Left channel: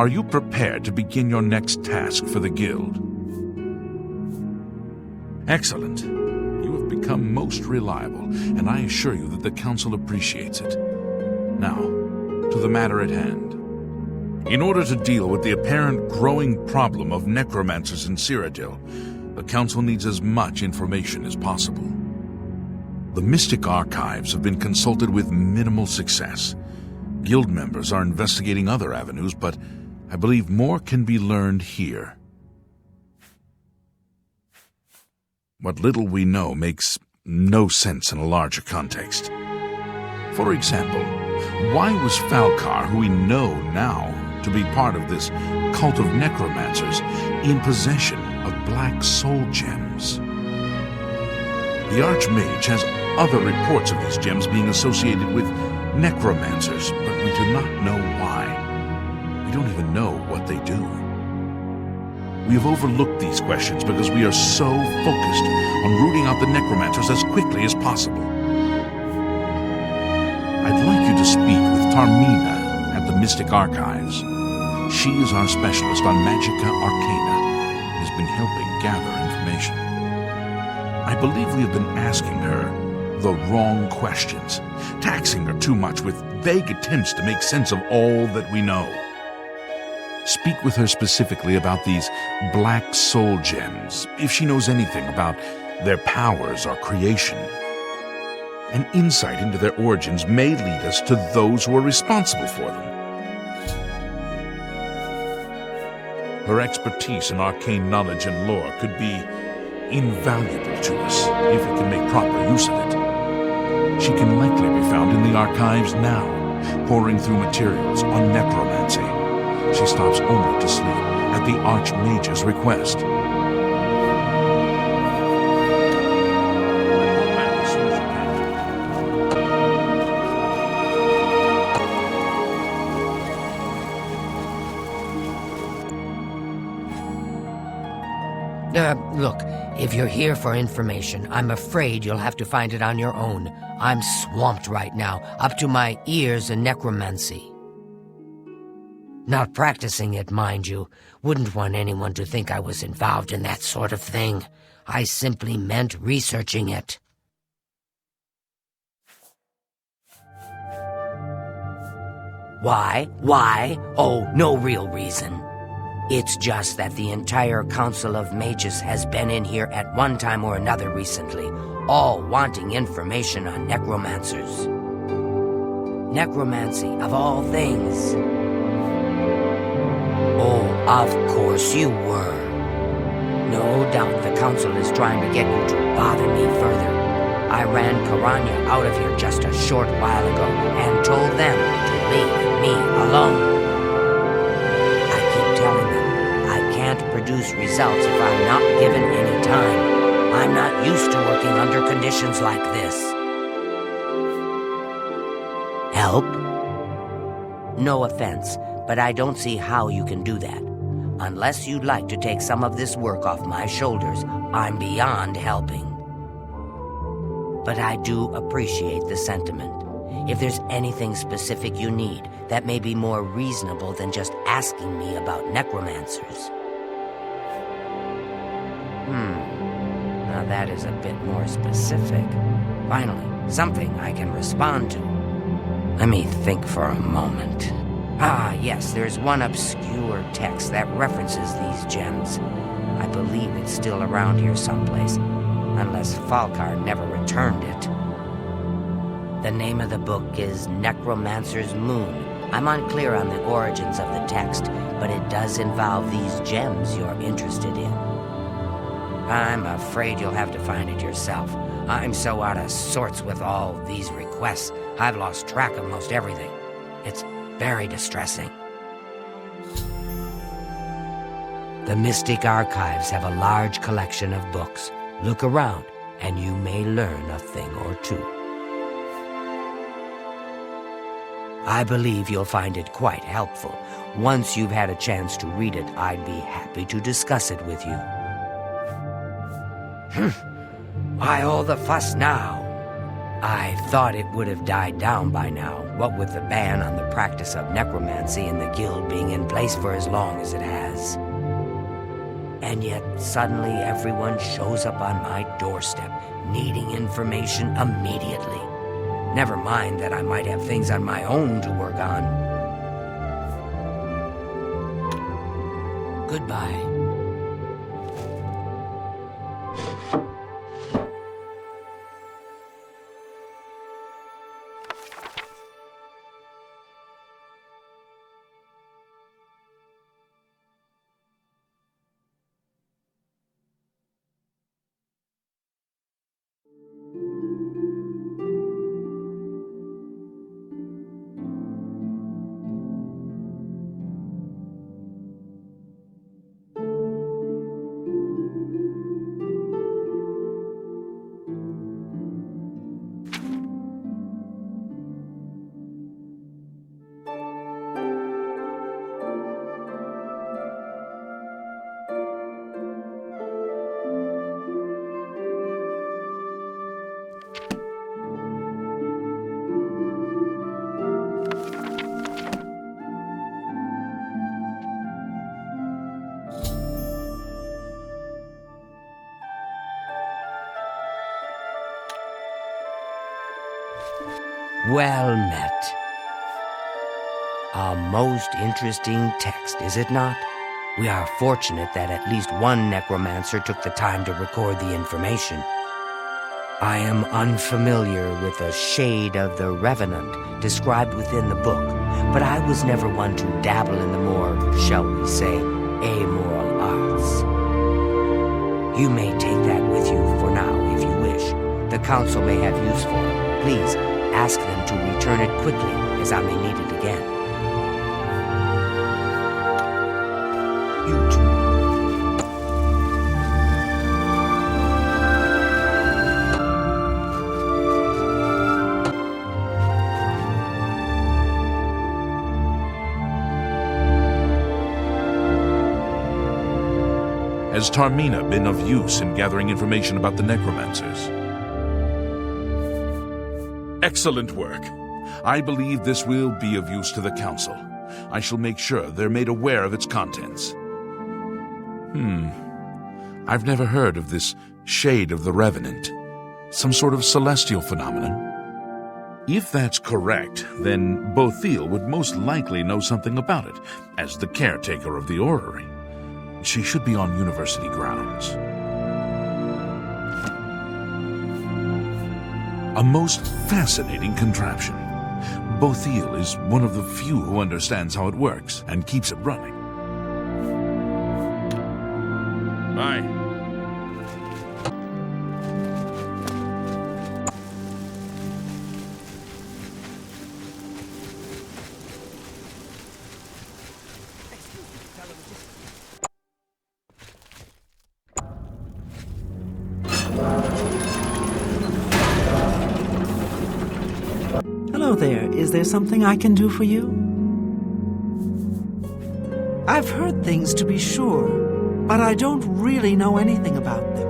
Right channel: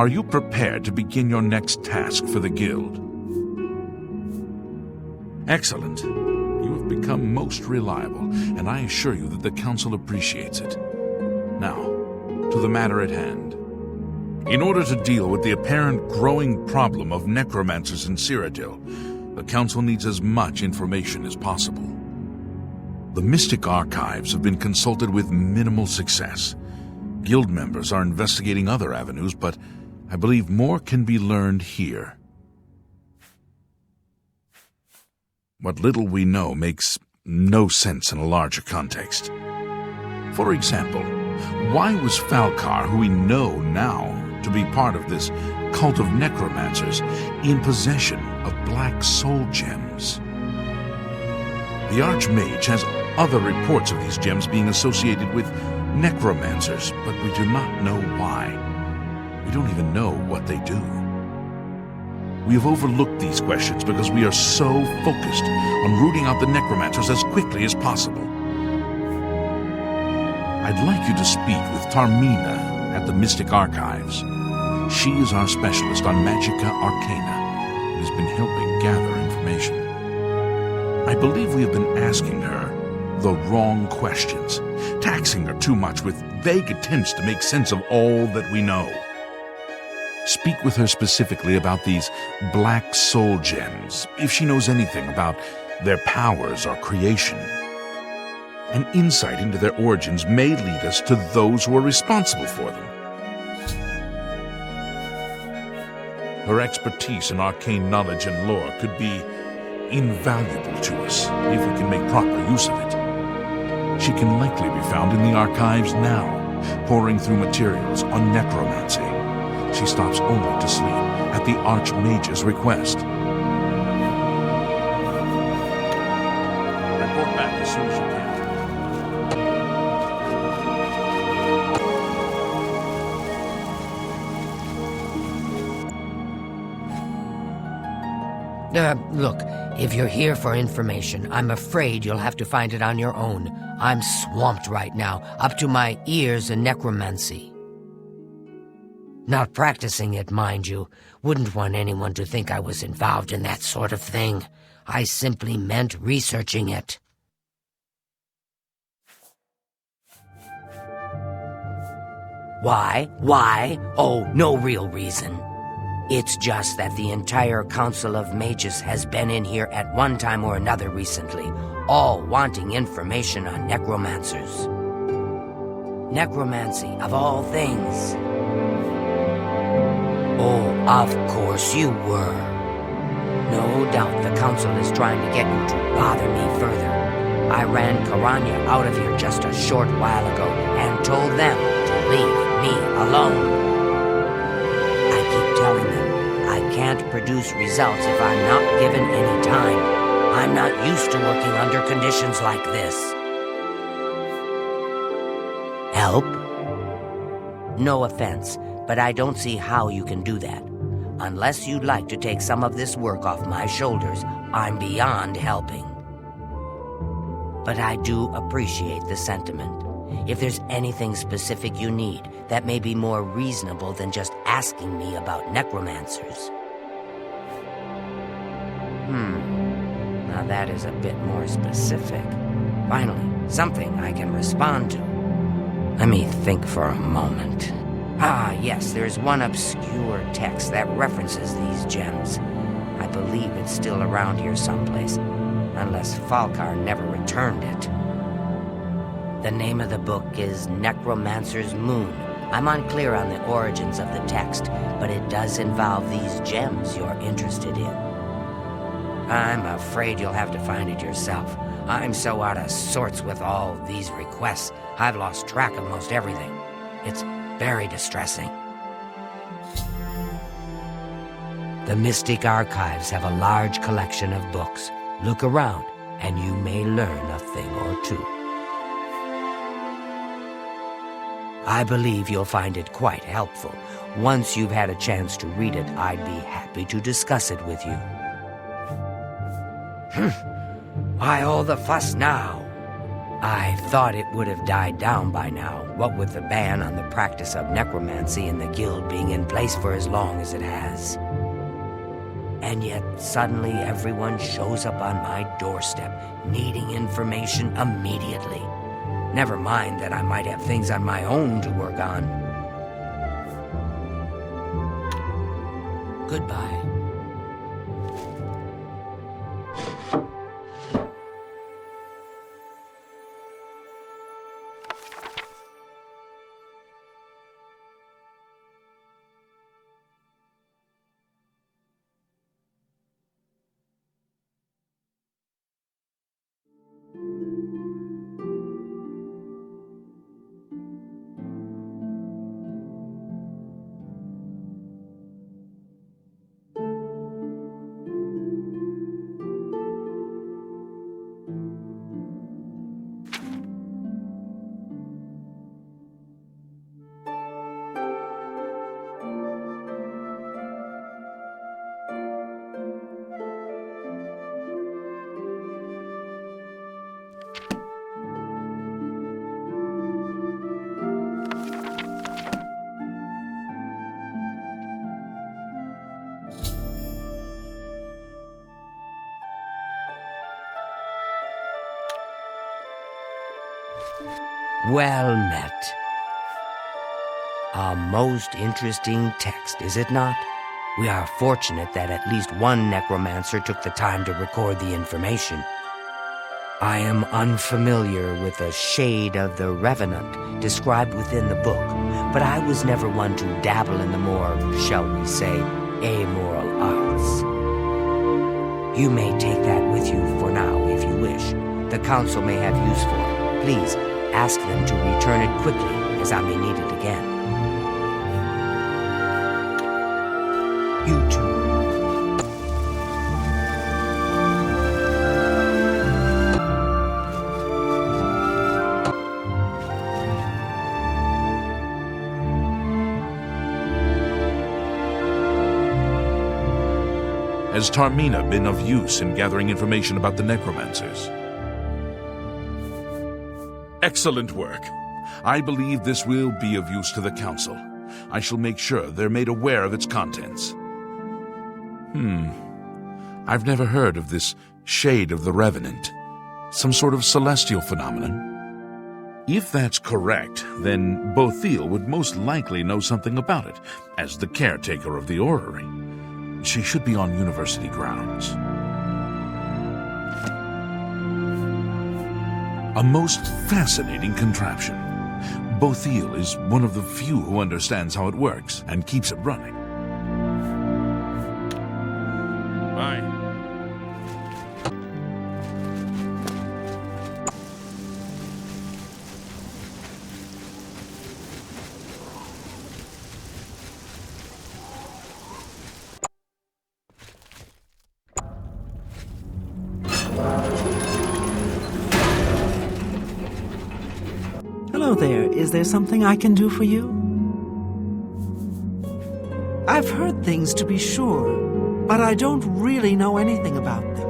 Are you prepared to begin your next task for the guild? Excellent. You have become most reliable, and I assure you that the council appreciates it. Now, to the matter at hand. In order to deal with the apparent growing problem of necromancers in Cyrodiil, the council needs as much information as possible. The Mystic Archives have been consulted with minimal success. Guild members are investigating other avenues, but I believe more can be learned here. What little we know makes no sense in a larger context. For example, why was Falcar, who we know now to be part of this cult of necromancers, in possession of black soul gems? The Archmage has other reports of these gems being associated with necromancers, but we do not know why. We don't even know what they do. We have overlooked these questions because we are so focused on rooting out the necromancers as quickly as possible. I'd like you to speak with Tarmina at the Mystic Archives. She is our specialist on Magica Arcana and has been helping gather information. I believe we have been asking her the wrong questions, taxing her too much with vague attempts to make sense of all that we know. Speak with her specifically about these black soul gems, if she knows anything about their powers or creation. An insight into their origins may lead us to those who are responsible for them. Her expertise in arcane knowledge and lore could be invaluable to us if we can make proper use of it. She can likely be found in the archives now, poring through materials on necromancy. She stops only to sleep at the Archmage's request. Report back as soon as you can. Look, if you're here for information, I'm afraid you'll have to find it on your own. I'm swamped right now, up to my ears in necromancy. Not practicing it, mind you. Wouldn't want anyone to think I was involved in that sort of thing. I simply meant researching it. Why? Why? Oh, no real reason. It's just that the entire Council of Mages has been in here at one time or another recently, all wanting information on necromancers. Necromancy, of all things. Oh, of course you were. No doubt the Council is trying to get you to bother me further. I ran Karanya out of here just a short while ago and told them to leave me alone. I keep telling them I can't produce results if I'm not given any time. I'm not used to working under conditions like this. Help? No offense, but I don't see how you can do that. Unless you'd like to take some of this work off my shoulders, I'm beyond helping. But I do appreciate the sentiment. If there's anything specific you need, that may be more reasonable than just asking me about necromancers. Now that is a bit more specific. Finally, something I can respond to. Let me think for a moment. Ah, yes, there's one obscure text that references these gems. I believe it's still around here someplace, unless Falcar never returned it. The name of the book is Necromancer's Moon. I'm unclear on the origins of the text, but it does involve these gems you're interested in. I'm afraid you'll have to find it yourself. I'm so out of sorts with all these requests, I've lost track of most everything. It's very distressing. The Mystic Archives have a large collection of books. Look around, and you may learn a thing or two. I believe you'll find it quite helpful. Once you've had a chance to read it, I'd be happy to discuss it with you. Why all the fuss now? I thought it would have died down by now, what with the ban on the practice of necromancy and the guild being in place for as long as it has. And yet, suddenly everyone shows up on my doorstep, needing information immediately. Never mind that I might have things on my own to work on. Goodbye. Well met. A most interesting text, is it not? We are fortunate that at least one necromancer took the time to record the information. I am unfamiliar with the shade of the revenant described within the book, but I was never one to dabble in the more, shall we say, amoral arts. You may take that with you for now if you wish. The council may have use for it. Please ask them to return it quickly, as I may need it again. You too. Has Tarmina been of use in gathering information about the necromancers? Excellent work. I believe this will be of use to the Council. I shall make sure they're made aware of its contents. I've never heard of this shade of the Revenant. Some sort of celestial phenomenon? If that's correct, then Bothiel would most likely know something about it, as the caretaker of the orrery. She should be on university grounds. A most fascinating contraption. Bothiel is one of the few who understands how it works and keeps it running. Bye. Hello there. Is there something I can do for you? I've heard things, to be sure, but I don't really know anything about them.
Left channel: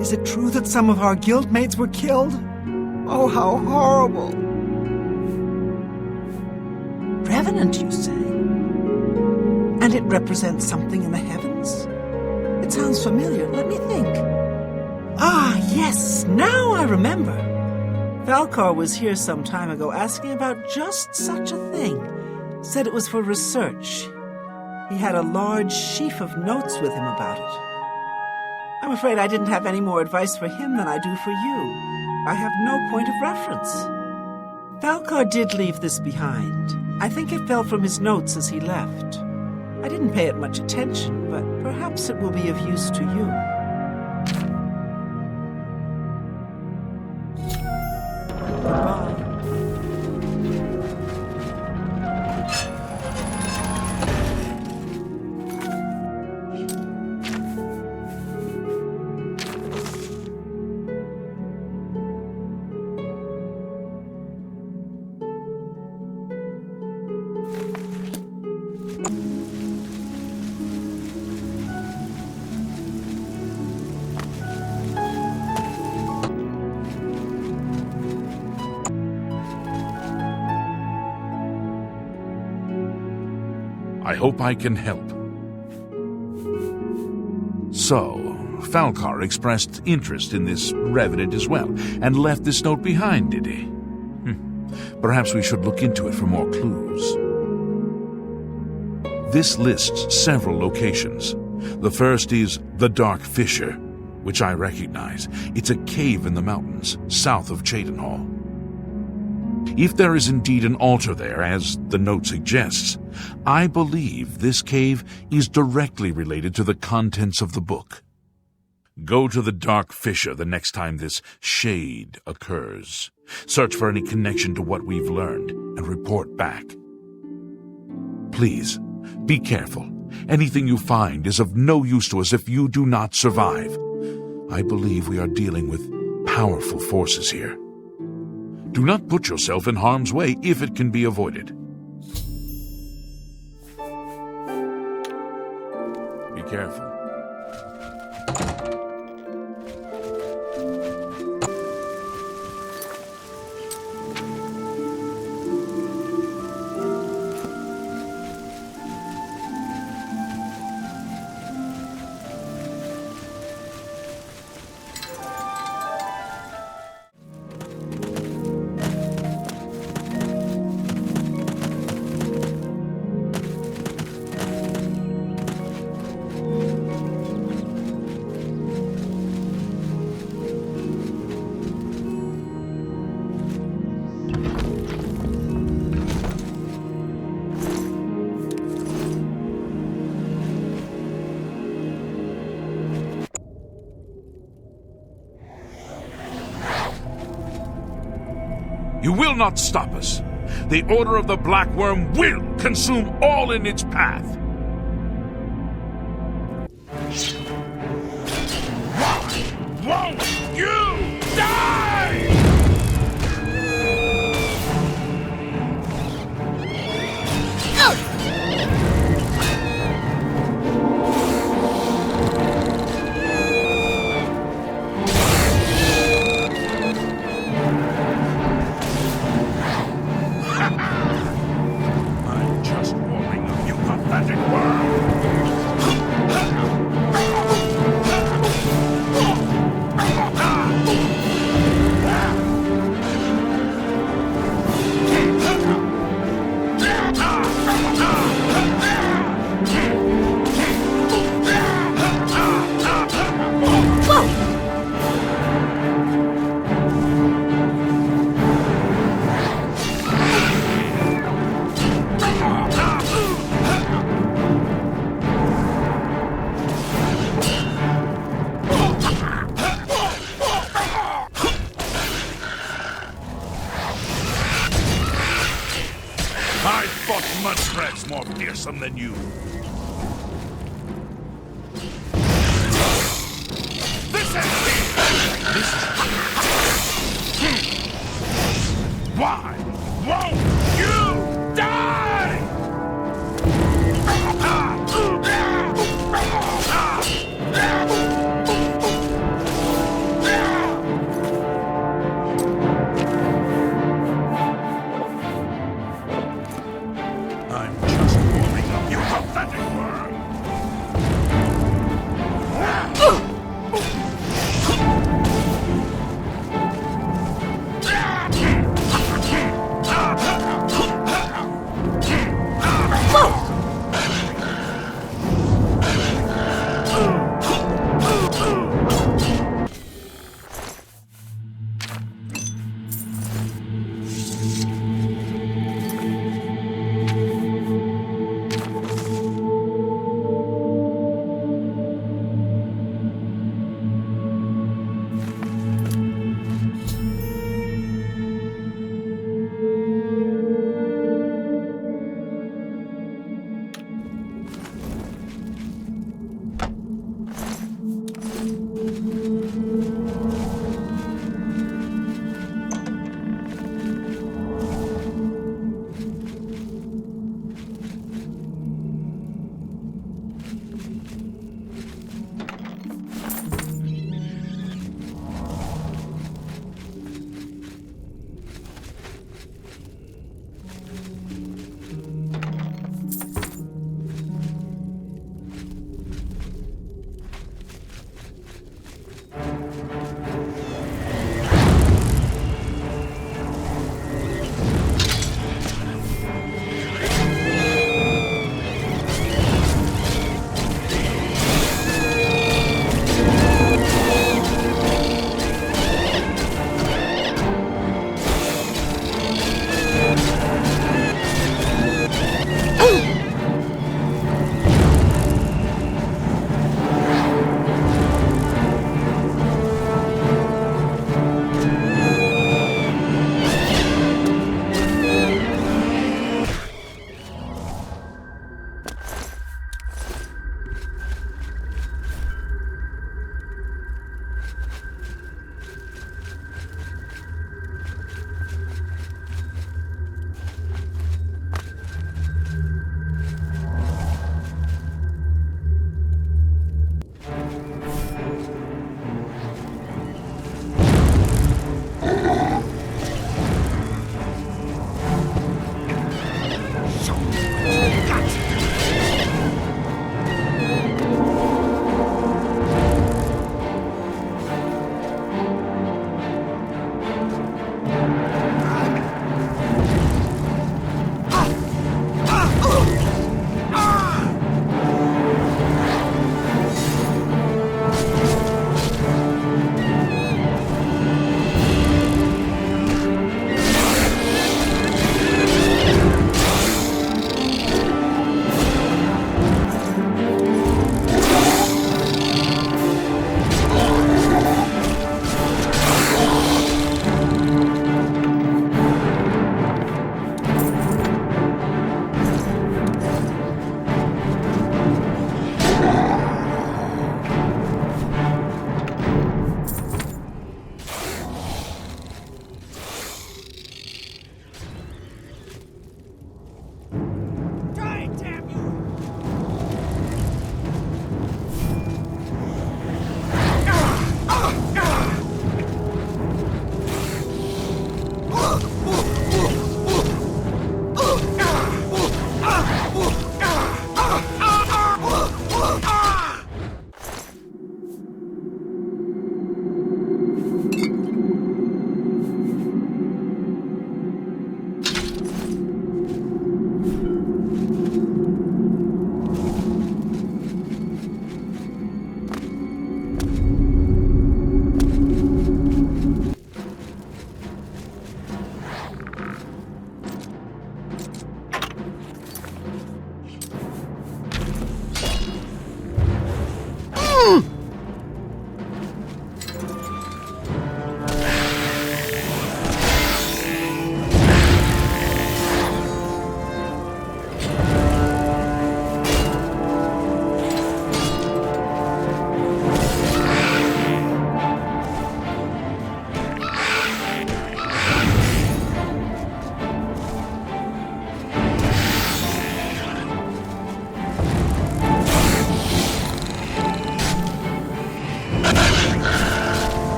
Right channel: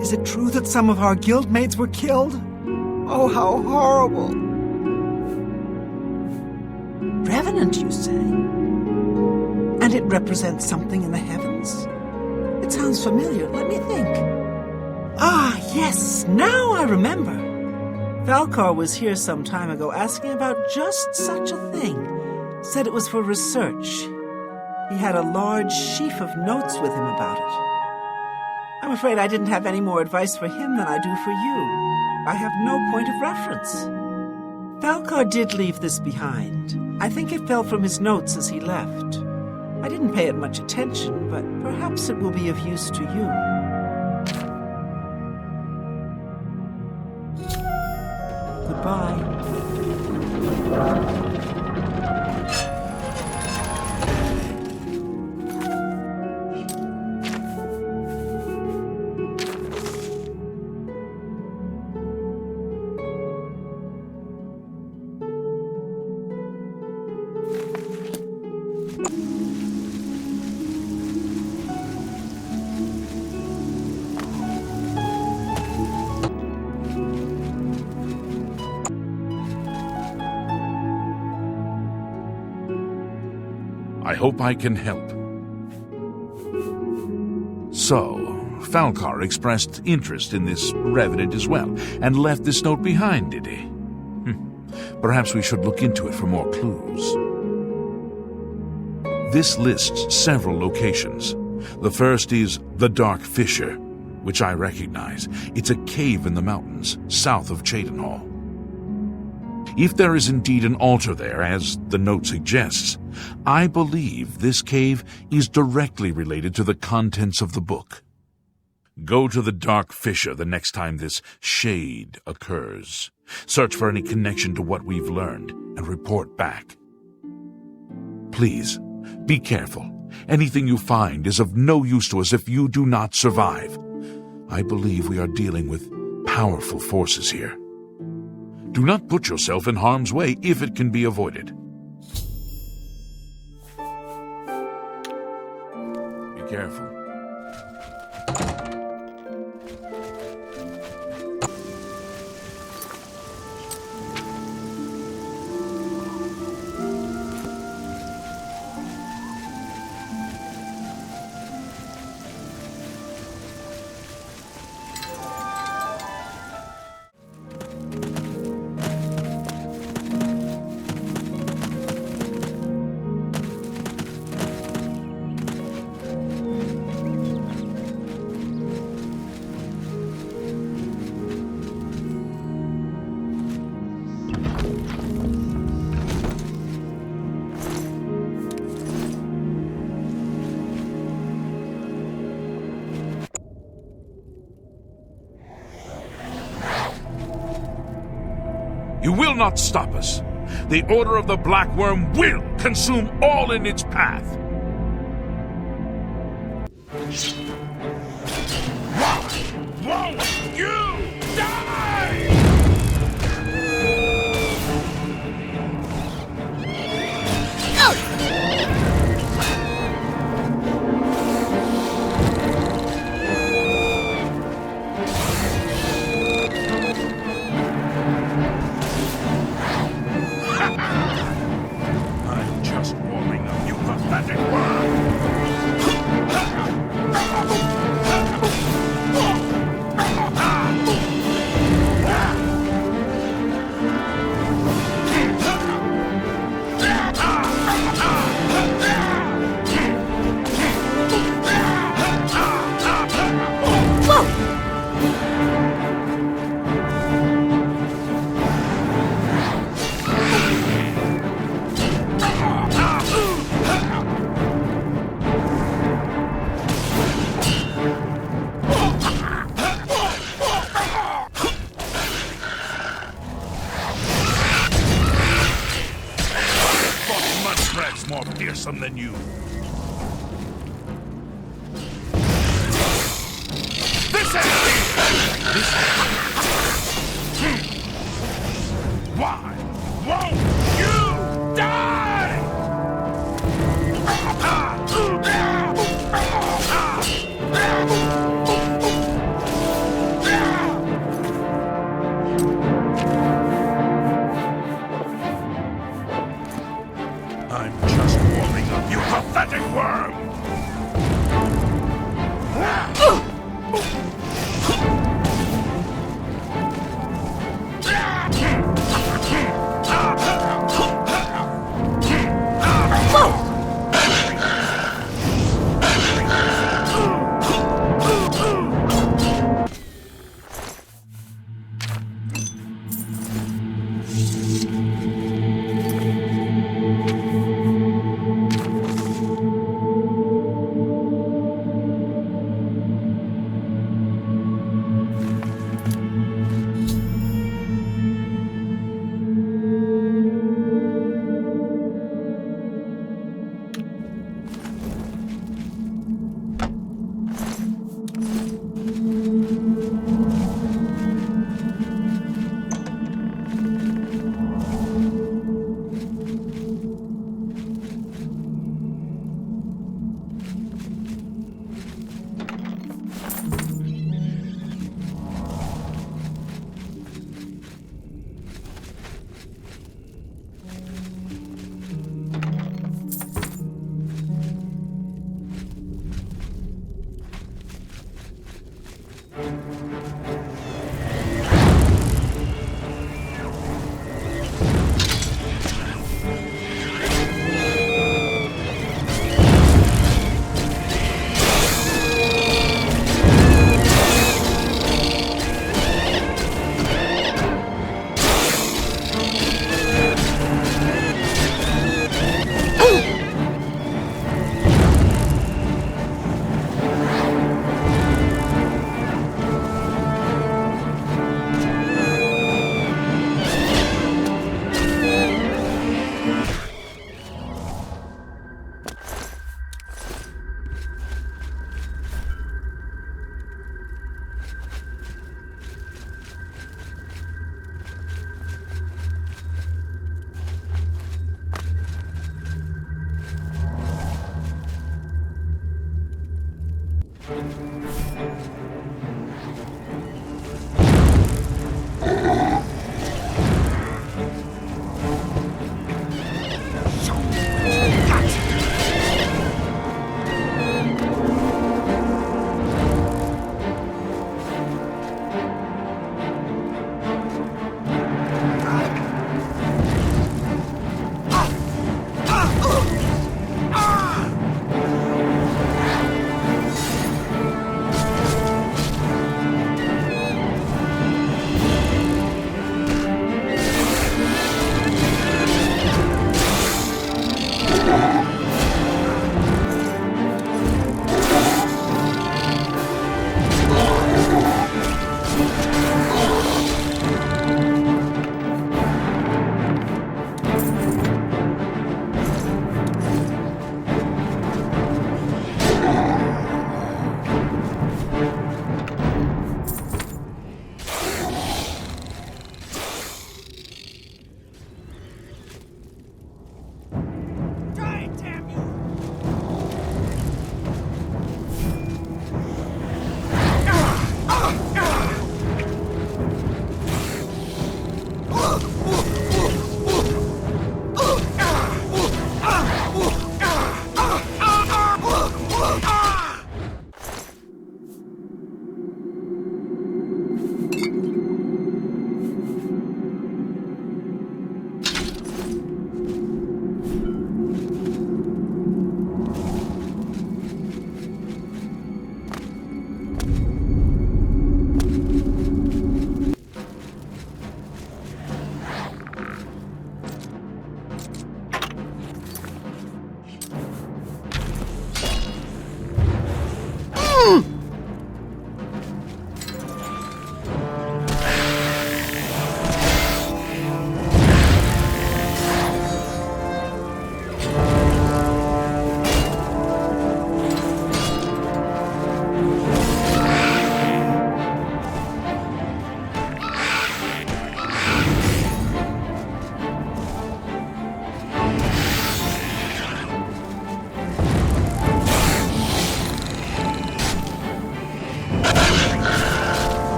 Is it true that some of our guildmates were killed? Oh, how horrible! Revenant, you say? And it represents something in the heavens? It sounds familiar. Let me think. Ah, yes, now I remember. Falcar was here some time ago asking about just such a thing. Said it was for research. He had a large sheaf of notes with him about it. I'm afraid I didn't have any more advice for him than I do for you. I have no point of reference. Falcar did leave this behind. I think it fell from his notes as he left. I didn't pay it much attention, but perhaps it will be of use to you. Goodbye. I hope I can help. So, Falcar expressed interest in this revenant as well, and left this note behind, did he? Perhaps we should look into it for more clues. This lists several locations. The first is the Dark Fissure, which I recognize. It's a cave in the mountains, south of Cheydinhall. If there is indeed an altar there, as the note suggests, I believe this cave is directly related to the contents of the book. Go to the Dark Fissure the next time this shade occurs. Search for any connection to what we've learned and report back. Please, be careful. Anything you find is of no use to us if you do not survive. I believe we are dealing with powerful forces here. Do not put yourself in harm's way if it can be avoided. Be careful. You will not stop us. The Order of the Black Worm will consume all in its path. Why won't you die? I'm just warming up, you pathetic worm! More fearsome than you. This ends this. Why won't you die? I'm just warming up, you pathetic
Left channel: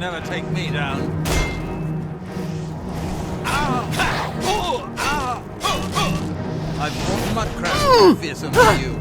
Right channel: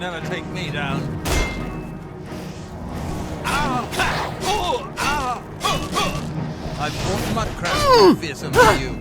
Never take me down. I've fought mud crabs more fearsome than you.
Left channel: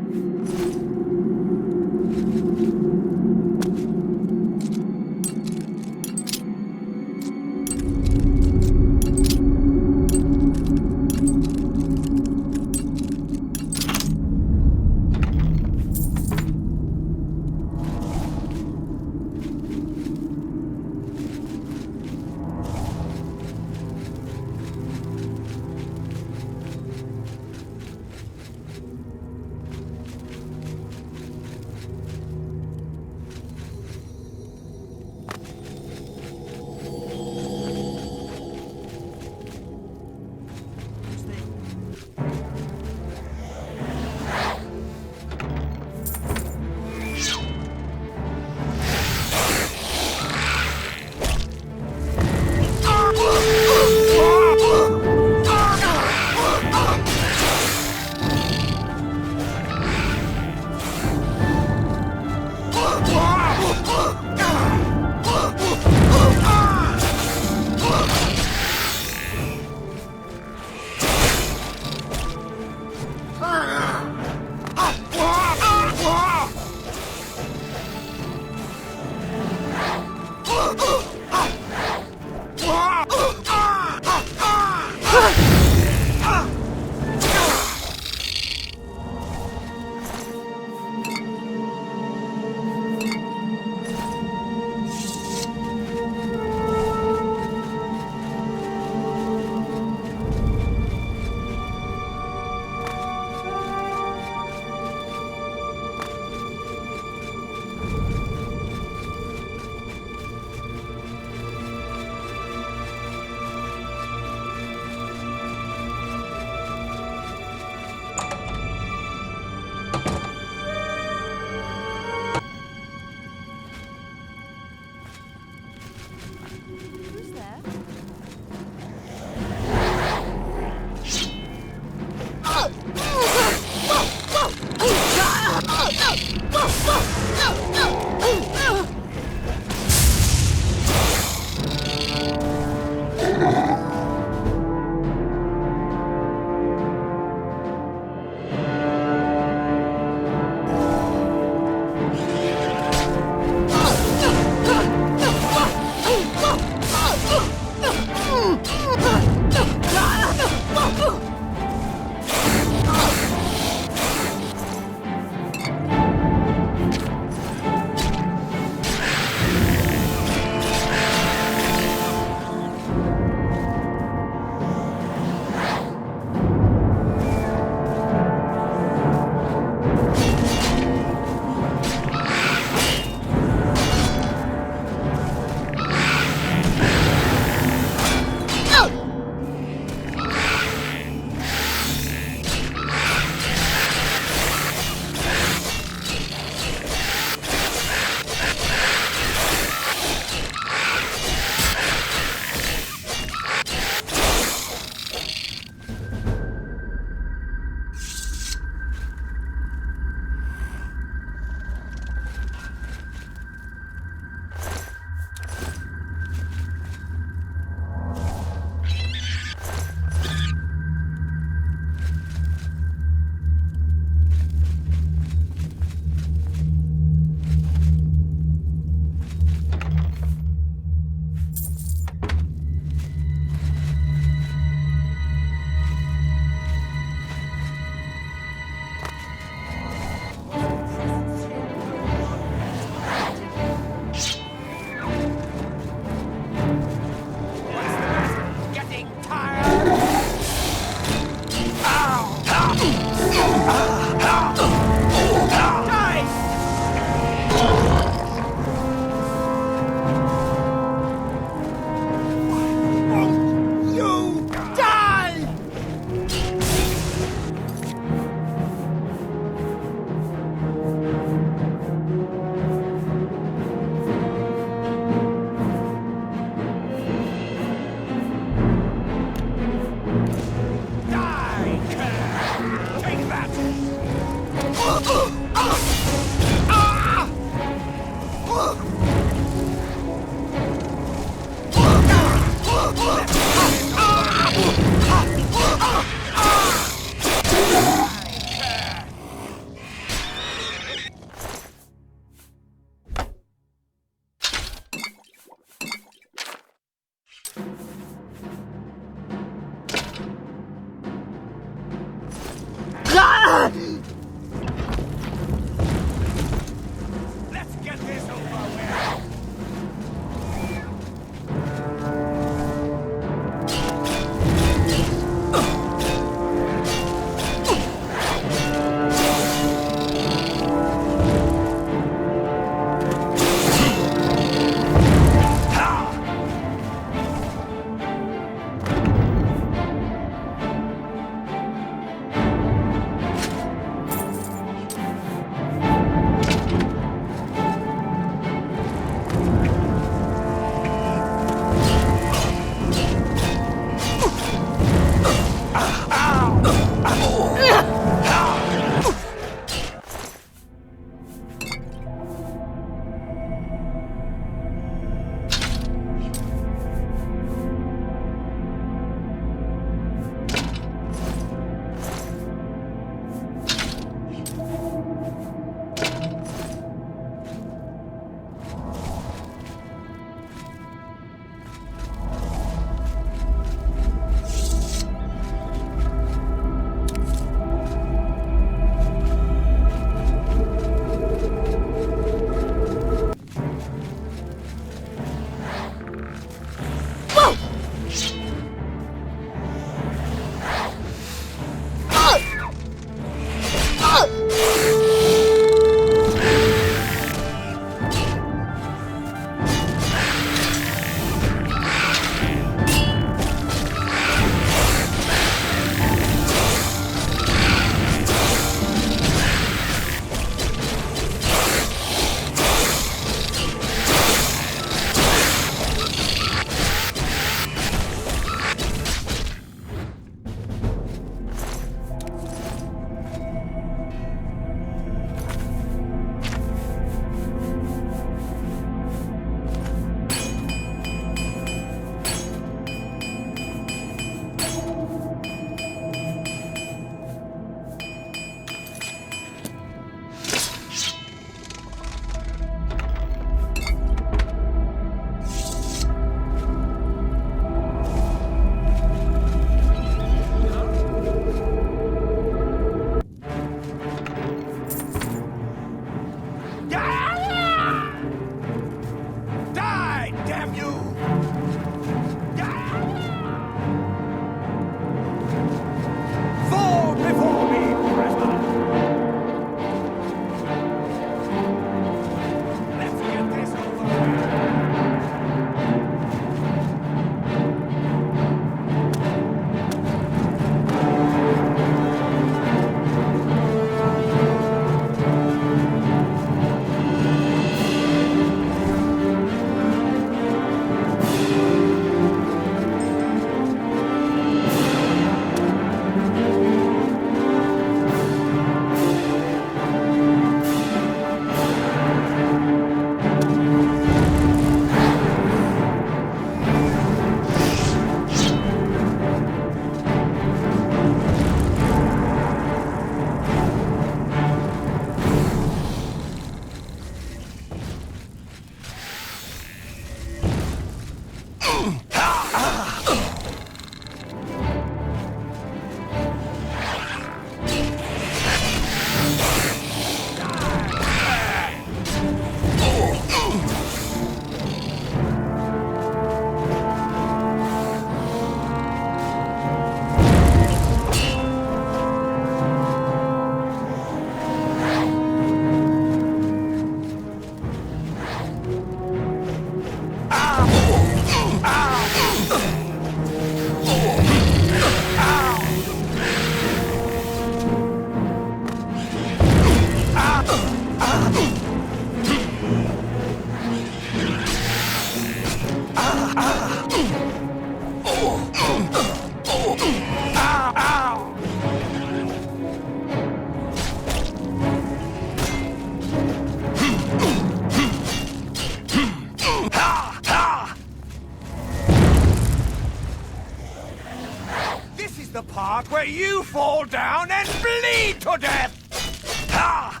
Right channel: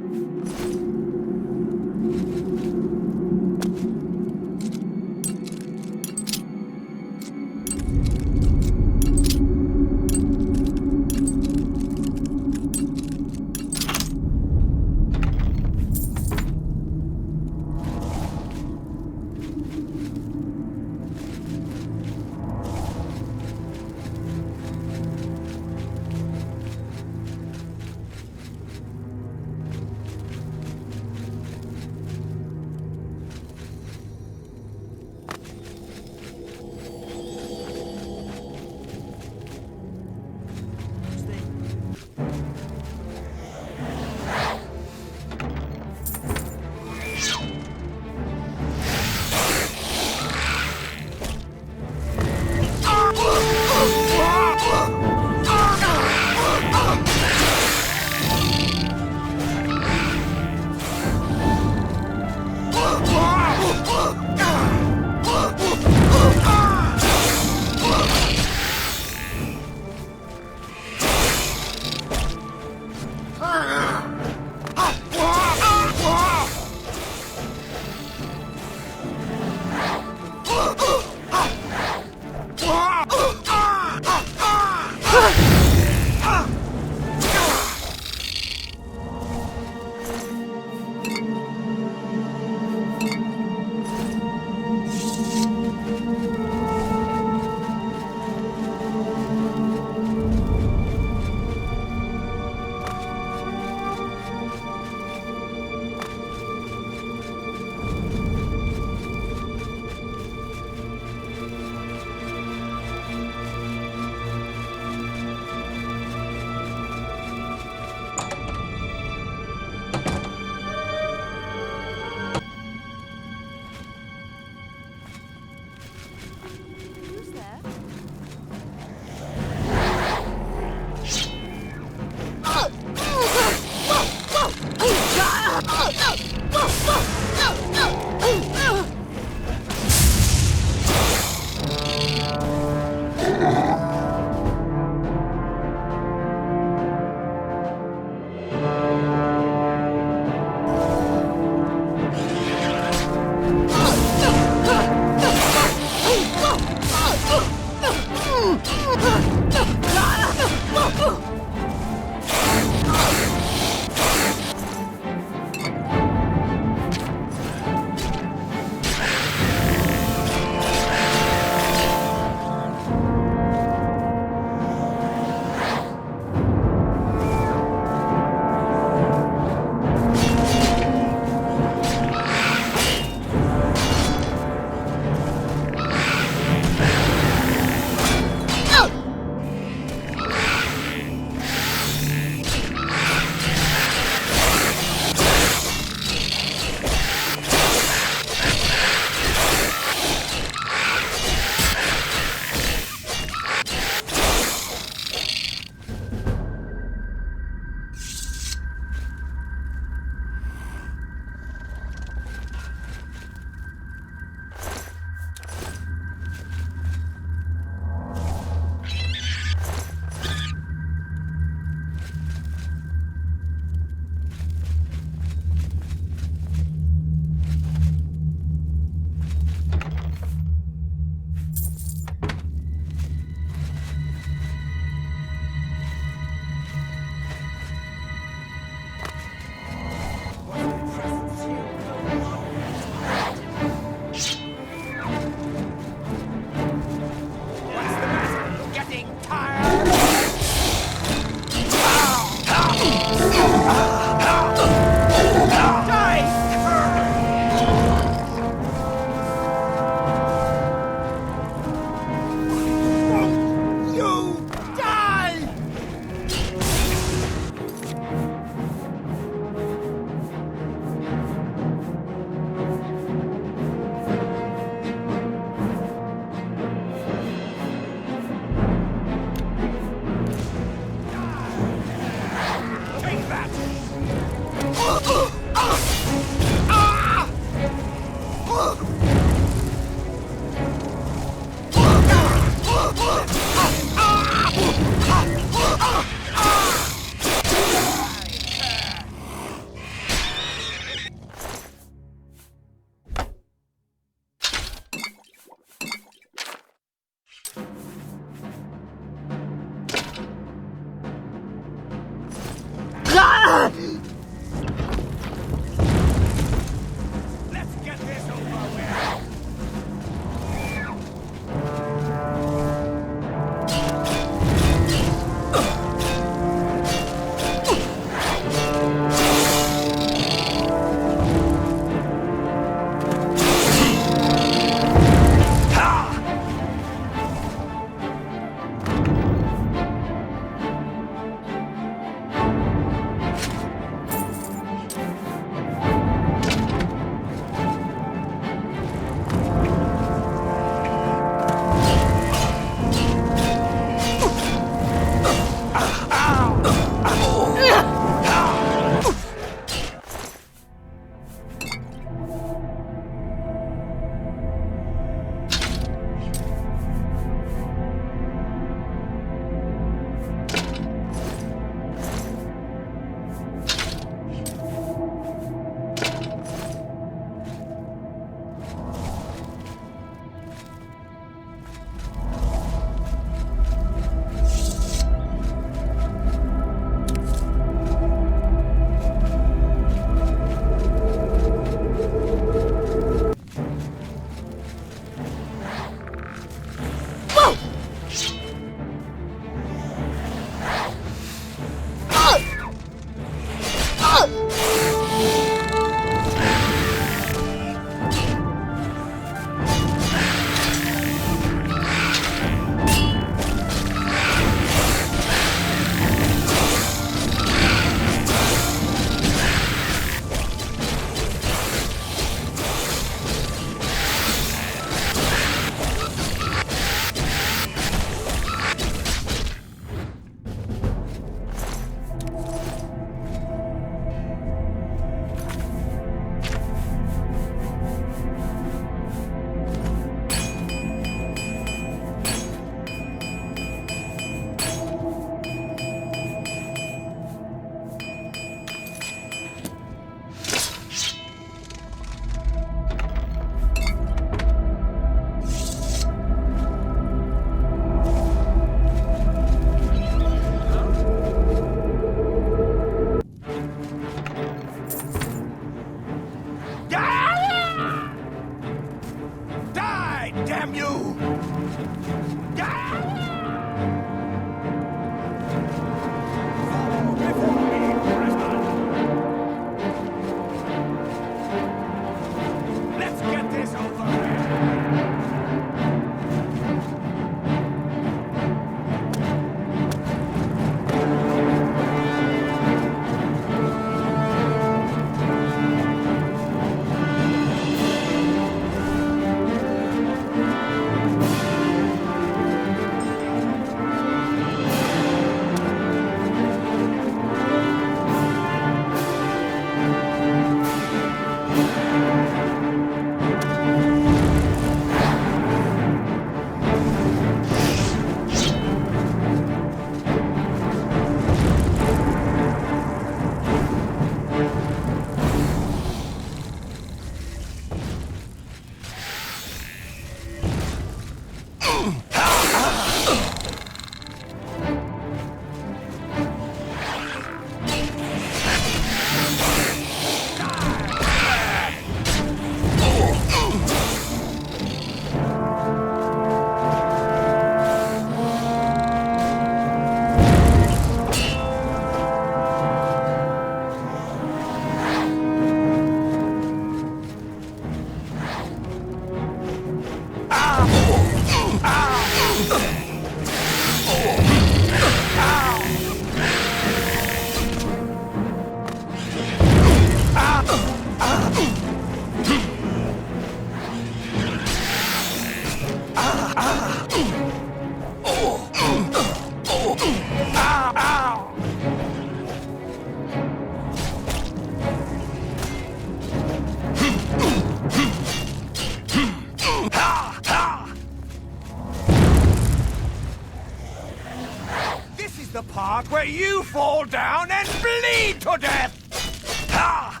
This is the part where you fall down and bleed to death! Ha!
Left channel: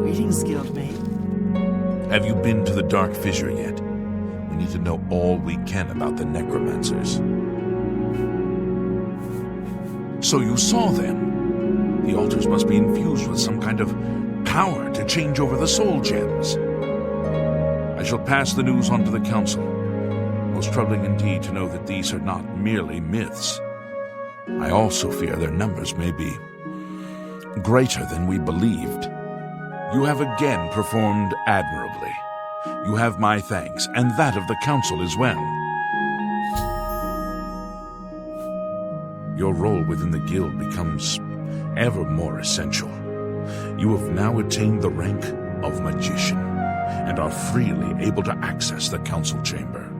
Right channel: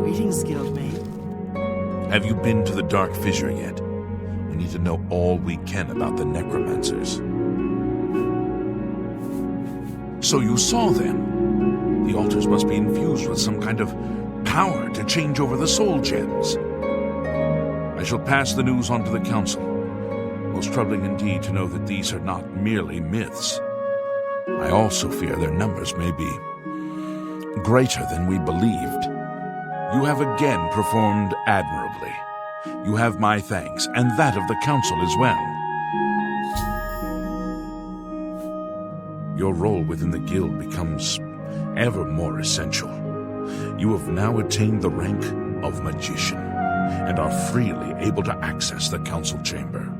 Greetings, Guildmate. Have you been to the Dark Fissure yet? We need to know all we can about the necromancers. So you saw them. The altars must be infused with some kind of power to change over the soul gems. I shall pass the news on to the council. Most troubling indeed to know that these are not merely myths. I also fear their numbers may be greater than we believed. You have again performed admirably. You have my thanks, and that of the council as well. Your role within the guild becomes ever more essential. You have now attained the rank of magician, and are freely able to access the council chamber.